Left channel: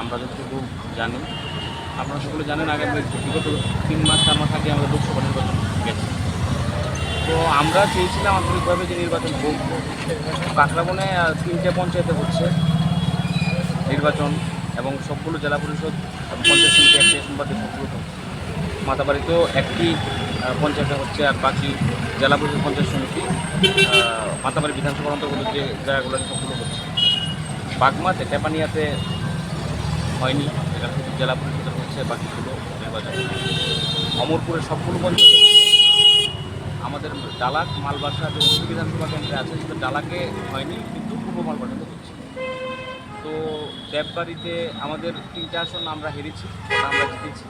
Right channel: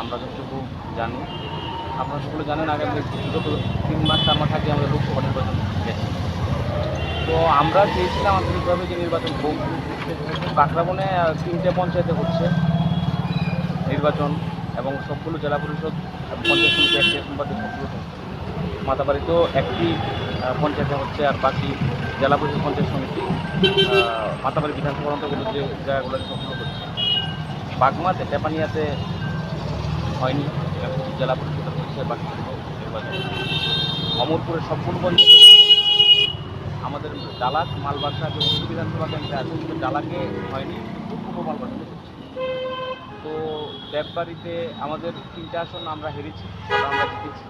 আমরা যতটুকু জানি আপনারা সকলে জানেন আগামী বিগত তিন মাস চার মাস আগে আমাদের লোকসভা নির্বাচন গেছে তো আমরা চেয়েছিলাম আন্তরিকভাবে যে নির্বাচন হোক আহ, তিনটে পঞ্চায়েতে হচ্ছে নির্বাচন এবং সবগুলো জেলা পরিষদ পঞ্চায়েত সমিতি একটি আসনবাদে সবগুলো। মাতাবাড়িতেও একটি পঞ্চায়েতে হচ্ছে আর বাকি জেলা পরিষদ পঞ্চায়েত সমিতি মাতাবাড়ি বিধানসভার অন্তর্গত যে জায়গাগুলো সবগুলো হচ্ছে বাগমাতে টেপানিয়াতে হয়নি, এটা জেলা পরিষদের হচ্ছে বাকিগুলো নির্বাচন অমরপুরের সবগুলো পঞ্চায়েত আমাদের ডালাক মালবাসা যে বিধানসভা কেন্দ্রে আছে সেটা ডালাকে হয়নি, কিন্তু পূর্ব মালবাসাতে হচ্ছে। তো দেববাড়িতে আমাদের তিনটা আসন আমরা হেরেছি আমরা জিতেছি।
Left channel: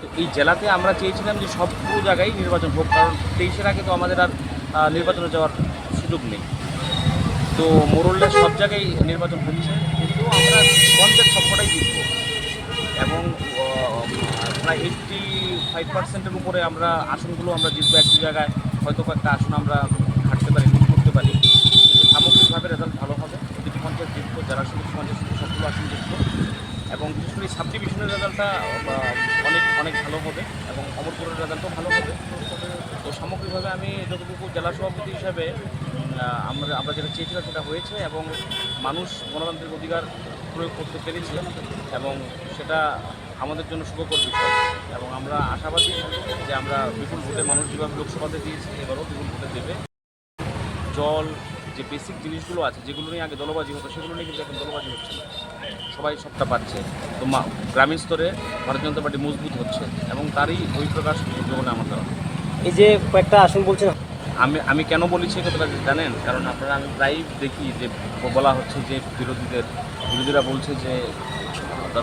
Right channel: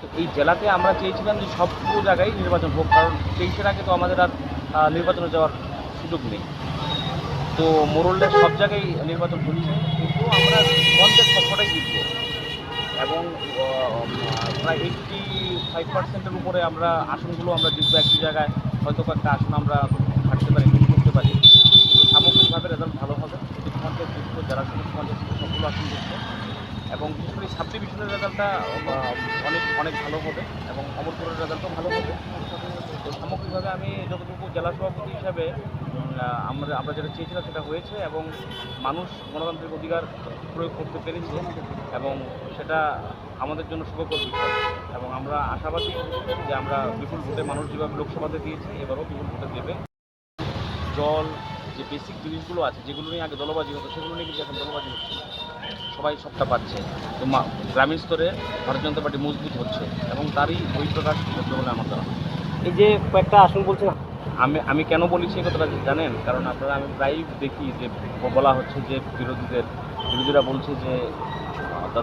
তো এই জেলাতে আমরা চেয়েছিলাম যে সবগুলো জায়গায় নির্বাচন হোক, কারণ তেইশের আগে তো আমাদের আর নির্বাচনে যাওয়ার সুযোগ নেই। তো মোরল্লের সব জায়গায় নির্বাচন হচ্ছে, কিন্তু আমরা পঞ্চায়েত সবকটাই জিতবো। এবং প্রায় এইটটি ফাইভ পার্সেন্টের উপরে আমরা আসনগুলো আমরা জিতবো এক জায়গায়। হয়তো একটা আসন আমরা থাকতে পারি লুট করতে পারি। কিন্তু সামগ্রিকভাবে রেজাল্ট ভালো হবে। প্রতিটি পঞ্চায়েত জিতবো, যারা সদস্য পঞ্চায়েত সবগুলো আসন জিতবো। এবং বিশেষ করে সাব ডিভিশনের রেজাল্টটা অনেক অনেক ভালো হবে এবং অমরপুরের রেজাল্টও ভালো হবে। তো সামগ্রিকভাবে আমি যতটুকু জেলা সভাপতি হিসাবে আমরা আমরা যেটা চেয়েছিলাম সেটা হয়েছে এবং মানুষ গণতান্ত্রিক অধিকার প্রয়োগ করতে পেরেছে এবং সেটা আমাদের জন্য শুভকর বিষয়। এবং আমরা আশাবাদী যে আমরা বিপুল ভোটে মানুষ যেভাবে লোকসভাতে দিয়েছি, এবারও বিপুল ভোটে দেবে। জল, যে বেসিক জিনিসগুলো আছে, যেগুলো নিয়ে আগে দলবাজি হতো, সেগুলো নিয়ে কিন্তু এখন দলবাজি হচ্ছে না। সবাই সবটা পাচ্ছে। তো গ্রামীণ স্তরে ভারতীয় জনতা পার্টি মজবুত হচ্ছে এবং তারই বহিঃপ্রকাশ ঘটবে বলে আমার ধারণা। এই যে কয়েকটা আসন বলছেন আমি আমি কেন বলেছি কথাটা জানেন? কারণ আপনারা আমি প্রায়ই দেখি যে বলা হচ্ছে যে বিরোধীদের, বিরোধীরা বলছে যে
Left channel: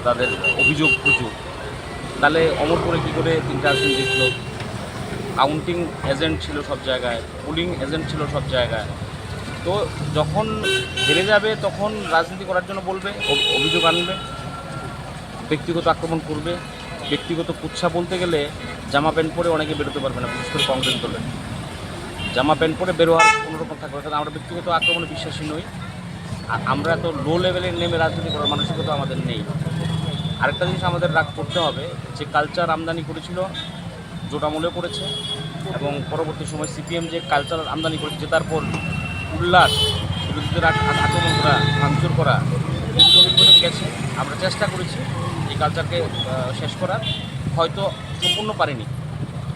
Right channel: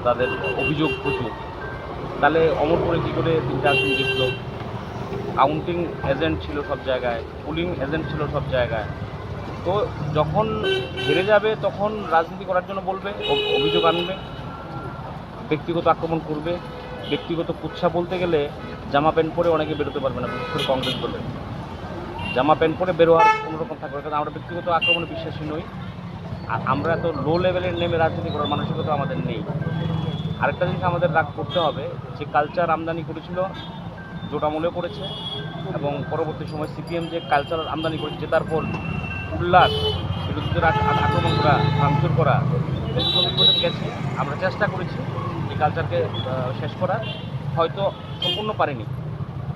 তাদের অভিযোগ প্রচুর। তাহলে অমরপুরে কী করে তিনটা আসন জিতলো কাউন্টিং এজেন্ট ছিল সব জায়গায় পুলিং এজেন্ট ছিল সব জায়গায়। তো যখন হেরে যাবে, তখন রাজনীতি করার জন্য বলবে অভ- অভিযোগ আনবে, ব্যক্তিগত আক্রমণ করবে। ব্যক্তিগত কুৎসা বলতে গেলে জামা প্যান্ট পরে অনেকে বেরোতে পারবে না, বিশেষ করে কংগ্রেস দলের। জামা প্যান্ট পরে বেরোয়ার কোনো রকম থাকবে। কারণ আমরা ব্যক্তিগত আক্রমণে বিশ্বাসী নই। আর আমরা তো লো লেভেলের নেমে রাজনীতি করার মানসিকতা আমাদের নেই। আরেকটা জিনিস আমাদের রাগ করতে হবে, যে কালচার আমদানি করেছিল জোটামূলেও করেছে এবং পরবর্তী সময় সিপিএম যে কালচার আমদানি করেছে জেতার পর উল্লাস, বিরোধীদের আক- আক- আক্রমণ করা, ভাঙচুর করা গেছে। আমরা চেষ্টা করেছি এই কালচারকে শেষ করার। হয়তো সম্পূর্ণ পারিনি।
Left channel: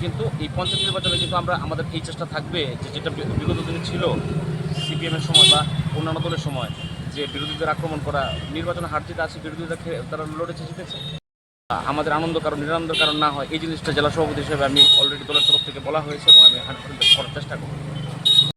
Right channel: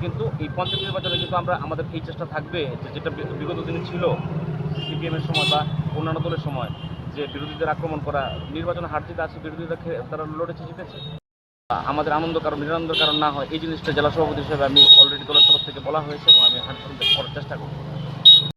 কিন্তু এই পঞ্চায়েত নির্বাচনে কিন্তু আমরা, আমাদের এই চেষ্টা থাকবে যে যেটা বিগত দিন ছিল, সিপিএমের সময় বা অন্যান্য দলের সময়, যে বিরোধীদের আক্রমণ করা নির্বাচনে হার জিতে আছে, বিরোধীরা তারা লড়েছে জিতেছে আমাদের আনন্দ কারণ, নিরানন্দ কারণ না হয়, এই জিনিসটা জেলা সভাপতি হিসেবে আমি অলরেডি দলের তরফ থেকে বলা হয়েছে এবং আমি হান্ড্রেড করার চেষ্টা করব।